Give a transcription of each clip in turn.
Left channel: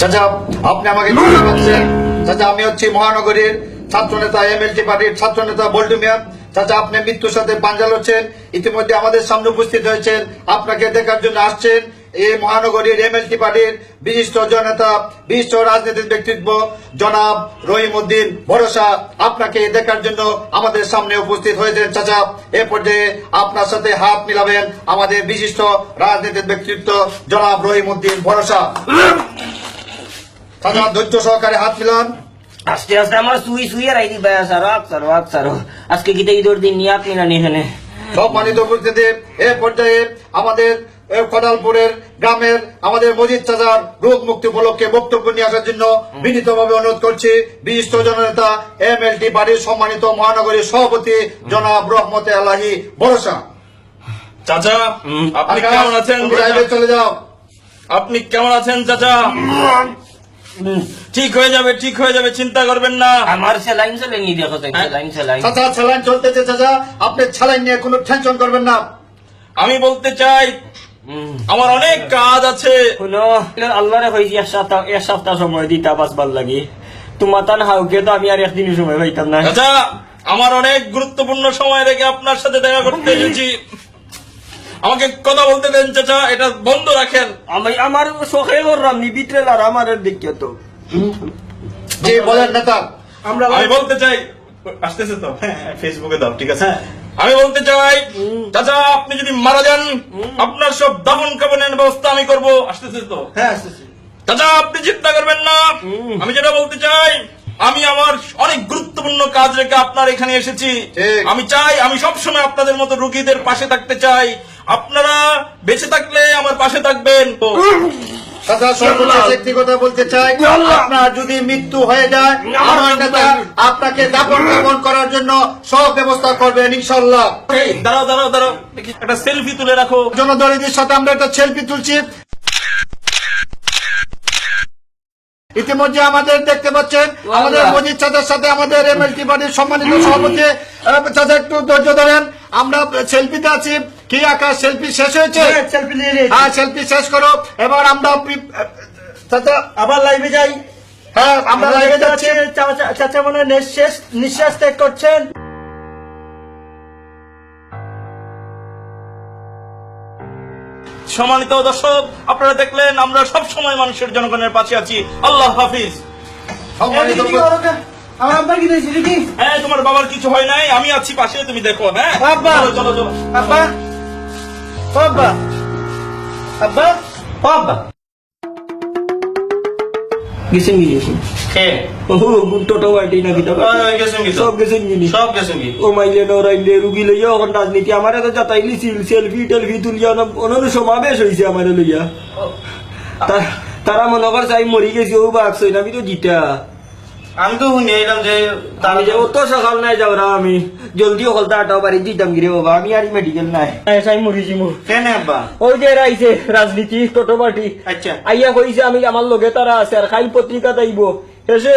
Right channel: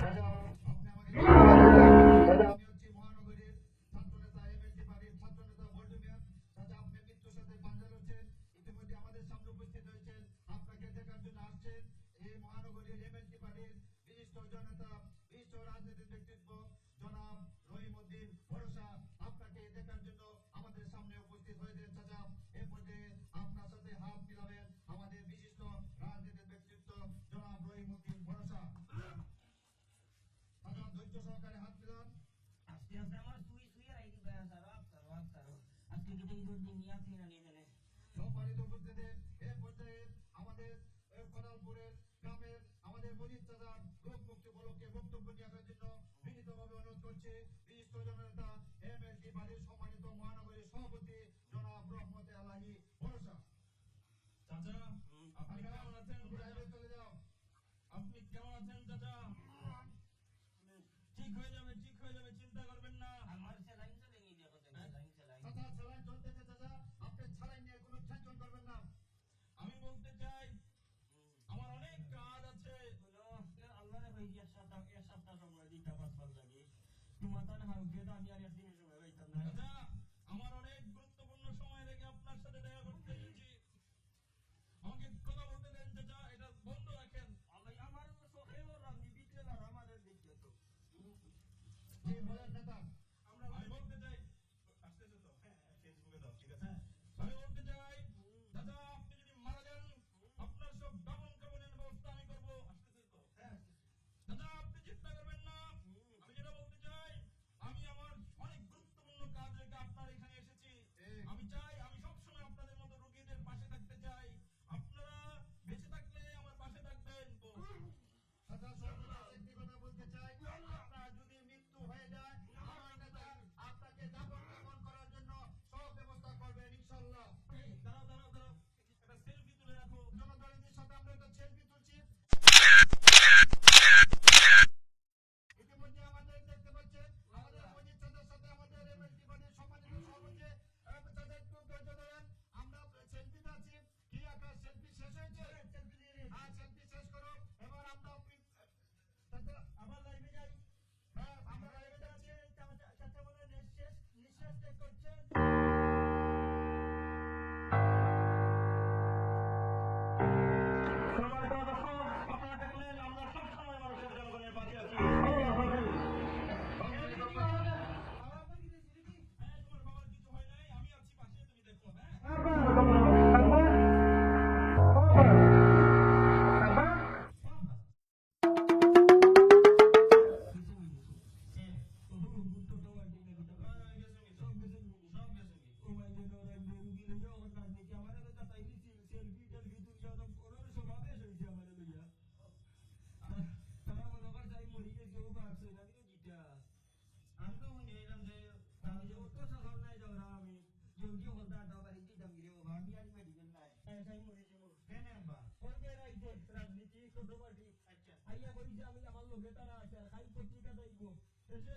চাচা আপনি আমাকে চিনতে পারছেন চাচা আমি হচ্ছি মহানগরীর ছাত্র নেতা এমএলটি পার্টির ছাত্র নেতা বল্টু মিয়া। চাচা আপনি মৃত্যুর সাথে পাঞ্জা লড়ছেন ইতিমধ্যে আমাদের সামনে উপস্থিত হয়েছেন। আপনাকে দেখার জন্য আসছেন। এই মহানগরীর এমএলটি পার্টির বিশিষ্ট জননেতা বিশিষ্ট রাজনীতির ব্যক্তিত্ব জনাব রহিম উদ্দিন ভরসা আপনাকে দেখার জন্য আমাদের সামনে উপস্থিত হয়েছেন। চাচা এ পর্যায়ে আপনার সাথে হাত মিলাবেন আমাদের বিশিষ্ট রাজনীতির ব্যক্তিত্ব জনাব রহিম উদ্দিন ভরসা। চাচা ধৈর্য সহকারে হাত মিলান। আস্তে আস্তে আমার সুই সুই আর আইদি বায়া সারো আক সারো আক সারো আজকে গীতা ঈদর দিন নিয়ে আপনি না নিহেনে সম্মানিত উপস্থিতি এ পর্যায়ে আমাদের কদালপুরের গ্রামের আমাদের মজিদ চাচার রোগ মুক্তি উপলক্ষে বক্তব্য নিয়ে আসার জন্য বিনীতভাবে অনুরোধ করছি বিশিষ্ট জননেতা এম এল টি বাড়ির সম্মানিত মহানগরীর সভাপতি জনাব রহমতে আলাহি ভরসা। চাচা আপনি কেমন আছেন? চলে যাও। আপনি কেমন আছেন চাচা? ঠিক হয়ে যাবে ঠিক হয়ে যাবে চিন্তা করবেন না। আমার সেলাইন সেলাইন দেখো তাই সেলাইন সেলাইন চাচা ছেলাইন চলতেছে চাচা। আপনি ছেলাইন নিয়ে কোনো টেনশন করবেন না। আমি বলতে চাই আমার অনেক কাজ আছে। শুনো আল্লাহরে হয়েছি এক সপ্তাহ এক সপ্তাহ সময় দিতা বাঁচবার লাগি। তোমার তান হাউকে তো আমি আর একদিন সময় পাইতাম না। চাচা আমার অনেক গুরুত্বপূর্ণ সময় রেখে আপনার সাথে দেখা করতে এসেছি। আমাকে কথা বলতে দেন চাচা এটা বন্ধ রাখেন। আমি আমার শখে করলাম নি আর আমার দেখিয়ে তো। জি বলেন নেতা। আমরা আমি বলতে চাই আসতেছে তো? ফেসবুকে দাও ঠিক আছে? আমি বলতে চাই চাচা আপনি যদি মারা যান আপনার সব দাফন কাফনের ব্যবস্থা আমি করব। আসতেছে তো? হ্যাঁ চাচা আপনি চিন্তা করবেন না। আমি যেটা বলতে চাই আমি আমার অনেক গুরুত্বপূর্ণ কাজ রেখে আপনার এখানে এসেছি। আমি চাই আমি সবসময় আপনাদের মতো রুগীদের পাশে থাকতে চাই। আপনারা বেঁচে থাকলে আমার পাশে থাকবেন। একটি কথা বলতে চাই আপনার যদি মৃত্যু হয়ে যায় আমার নেতা আপনাকে দাপন কাপন করার জন্য সব ব্যবস্থা করবেন ইনশাল্লাহ দাঁড়াও দাঁড়াও দাঁড়াও। একটা সেলফি তুলে রাখো। জনদলীদের সাথে আমরা একটা সেলফি তুলছি। ইতিমধ্যে আমাদের দেখতে পাচ্ছেন আমাদের মজিদ চাচার সাথে আমাদের এমএলটি পার্টির সম্মানিত সভাপতি চাচা একটু ধৈর্য ধরেন। আমরা সেলফিতে আছি। কি আকাশ সেলফি শেষ হয়েছে? হ্যাঁ সেলফি শেষ করো। এবার আমরা চাচা আবার লাইভে যাই। হ্যাঁ আমরা লাইভে যাচ্ছি। চাচা- মনে হয় নিঃশ্বাস নিঃশ্বাস ত্যাগ করছেন। সম্মানিত দর্শক আপনারা দেখলেন আমরা সব সময় মানুষের জনগণের পাশে আছি। আল্লাহ হাফিজ। হ্যাঁ তোমার বাবার কিছু হয় নাই আমি আছি পাশে তুমি দেখো হ্যাঁ। চলো চলো চলো। আব্বা। আব্বা। আব্বা। ও আব্বা গেছেন? কি? গেছেন হ্যাঁ ও টোটো গাড়ি না কিতা গেছেন কি সব গেছেন কি সব গেছেন কি? ও মাইলে নরাইলে রুগী লইয়া ওখান রাজনীতি আমার তো যাতাইলি সেলফি টেলফি তুলিয়া অনর সমাবেশ হয়েছে আমার লইয়া। তা- তারা মনে করছে আমি মরি গেছি ও বাকস আমি তো জিতা। আমি তো শুনে এলাম যে আমি যাব তো সকাল নাই যাওরা আমি জলদি অকল আটাও বাড়ি দিতাম গিরে বাবা আমি আর মেডিকেল নাই চাই মরিছি মু কেন আব্বা ওই যে রাইছে রাজনীতি টোটো পার্টি আচ্ছা আইয়া কইছে আমি আমার লগে তারা আছে আর খাইল পত্রিকা তাইব শেষে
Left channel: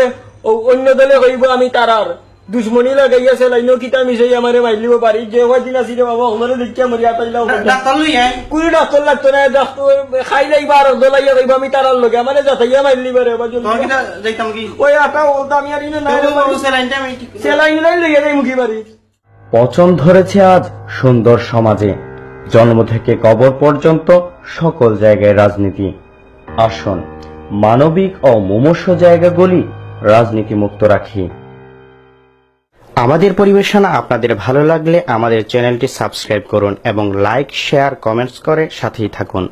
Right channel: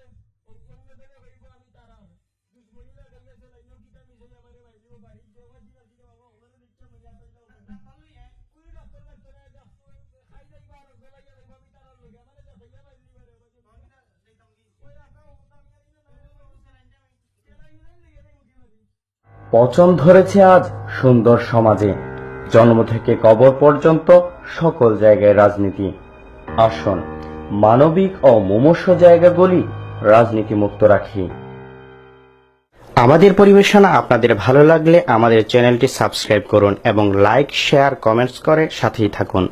অন্য দলে কইব আমি তারার দুশ্মনী লাগাইয়া সেলাইনো কিতা মিশাই আমারে মাইলিব পারি যে কয়দিন আছি রে বাবা ওখানে দেখিয়া মরিয়া পাইলাম ডাক্তার লই আয় কুড়ি ডাক্তার লাগতো না ডাক্তার খাই লাইবা আর দলাইয়া কইব আমি তারার লগে। মানে যাতাইয়া মাইলি পারে বা জলদি। তোমার কিটা যাইতাম কি? ওই আটা ওটা আমি আর ইনে আমি সেলাইন নাই লইয়া যাই মুখি বাড়ি পচন ধরেছে আজ সুন্দর সমাজে। জন্ম থেকে কবর পর্যন্ত সকল জায়গায় রাজনীতি। আসুন মানবিক ও মুমূর্ষ জায়গাগুলি রাজনীতি মুক্ত রাখি। আমাদের পরিবেশনা আপনাদের ভালো লাগলে আমাদের চ্যানেলটি সাবস্ক্রাইব করুন এবং লাইক, শেয়ার, কমেন্টস করে সাথেই থাকুন।